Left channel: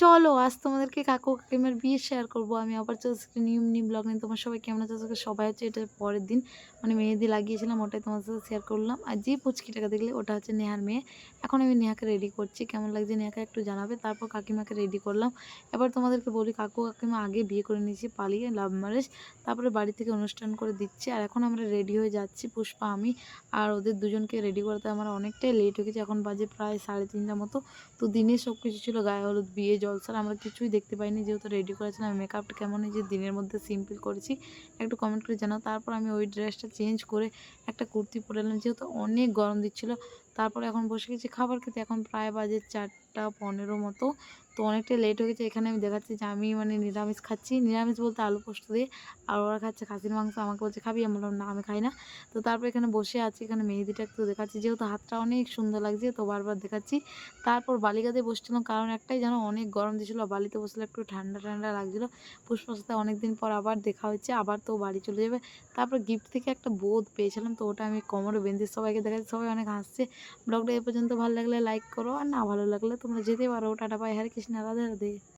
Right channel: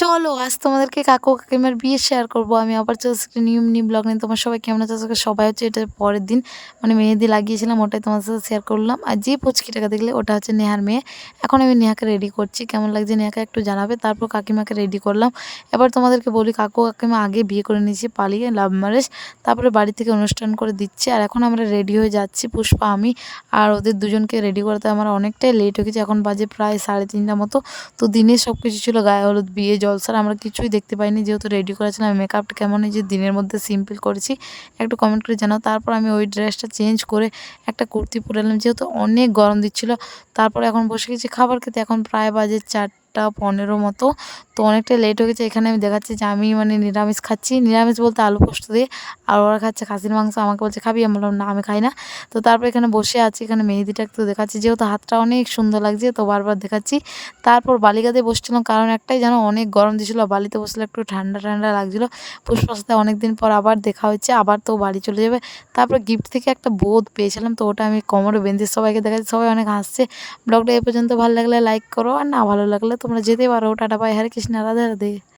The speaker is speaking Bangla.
চলো আজ তোমাদেরকে কাকু কাকিমার বিয়ে শেয়ার করব। আমি আবার চলে এসেছি একটা নিউ ব্লগ নিয়ে। তোমার সবাই কেমন আছো? আজকে সবাই হচ্ছে এটা পরের দিন মানে মেহেদি লাগিয়েছিলাম, ওটাই তোমার সাথে শেয়ার করলাম। আর যে পুচকিটাকে দেখলে ওটা হচ্ছে নেহার মেয়ে। এখন আমি নেহাকে রেডি করছি, কেমন লাগছে নেহাকে একটু জানাবে। তারপর কাকিমাকে রেডি করলাম। এবার তোমাদেরকে বলি, কাকু কাকিমা আগে বিয়ে করে নিয়েছি পালিয়ে, লাভ ম্যারেজ। তারপরে বাড়ি থেকে অনুষ্ঠান করে দিচ্ছে, আর এখন আমরা রেডি হয়ে যাচ্ছি, পুষ্পা আমি। আর ওদের দুজনকে রেডি করতে আমার অনেকটাই লেট হয়ে গেছে, এখন বাজে প্রায় 3:30টার মতো। তো দিনে সব কিছু ছিল, গায়ে হলুদ, বিয়ে, জলসার, আমরা কিছুই দেখতে পাইনি যেহেতু রেডি করেছিলাম। মেকআপটা কেমন এই যে দিনের মধ্যে সিম্পল করেছি একটু কমেন্ট করে জানাও। তারপর আমি ওই ড্রেসটা চেঞ্জ করে একটা কুর্তি পরে এলাম যেহেতু অনেক গরম দিচ্ছিলো। তারপর এখন বসে গেছি খাবার খেতে, এখন প্রায় বাজে 4টা 15 মতো। তো অনেকটা লেট হয়ে গেছে। এখানে আমি দেখাচ্ছি যে আমি মানে নিরামিষ খাচ্ছি, নিরামিষ বলতে আলু পোস্ত দিয়ে। আর ওরা খাচ্ছে খাসির মাংস, আমাকে বলছে খাবি, আমি বললাম না আমি খাই না। তো তারপর এখানে বসে আছি, এখানে মেহেদিটা একটু দেখাচ্ছি যেহেতু হাতটা অনেক সুন্দর লাগছে, তো বারবার দেখাচ্ছি। তারপর বালিকাতে বসছিলাম, কারণ একটাই জানো, অনেক গরম দিয়েছিলো, বালিতে বসলে একটু ঠান্ডা ঠান্ডা লাগছিলো। পুষ্পার সাথে অনেকদিন পর আবার দেখা হচ্ছে, আবার তো বাড়ি চলে যাবে। তারপর গিফট থেকে একটা বোঁদ পেয়েছিলাম, তো ওটা আমি কোমরে বেঁধে সবাইকে দেখাচ্ছি, সবাই অনেক হাসছে। ব্লগটা এ পর্যন্ত ভালো লাগলে লাইক করো, আর না ভালো লাগলে তোমরা যেতে পারো। টাটা বাই, হরে কৃষ্ণ, রাধে রাধে।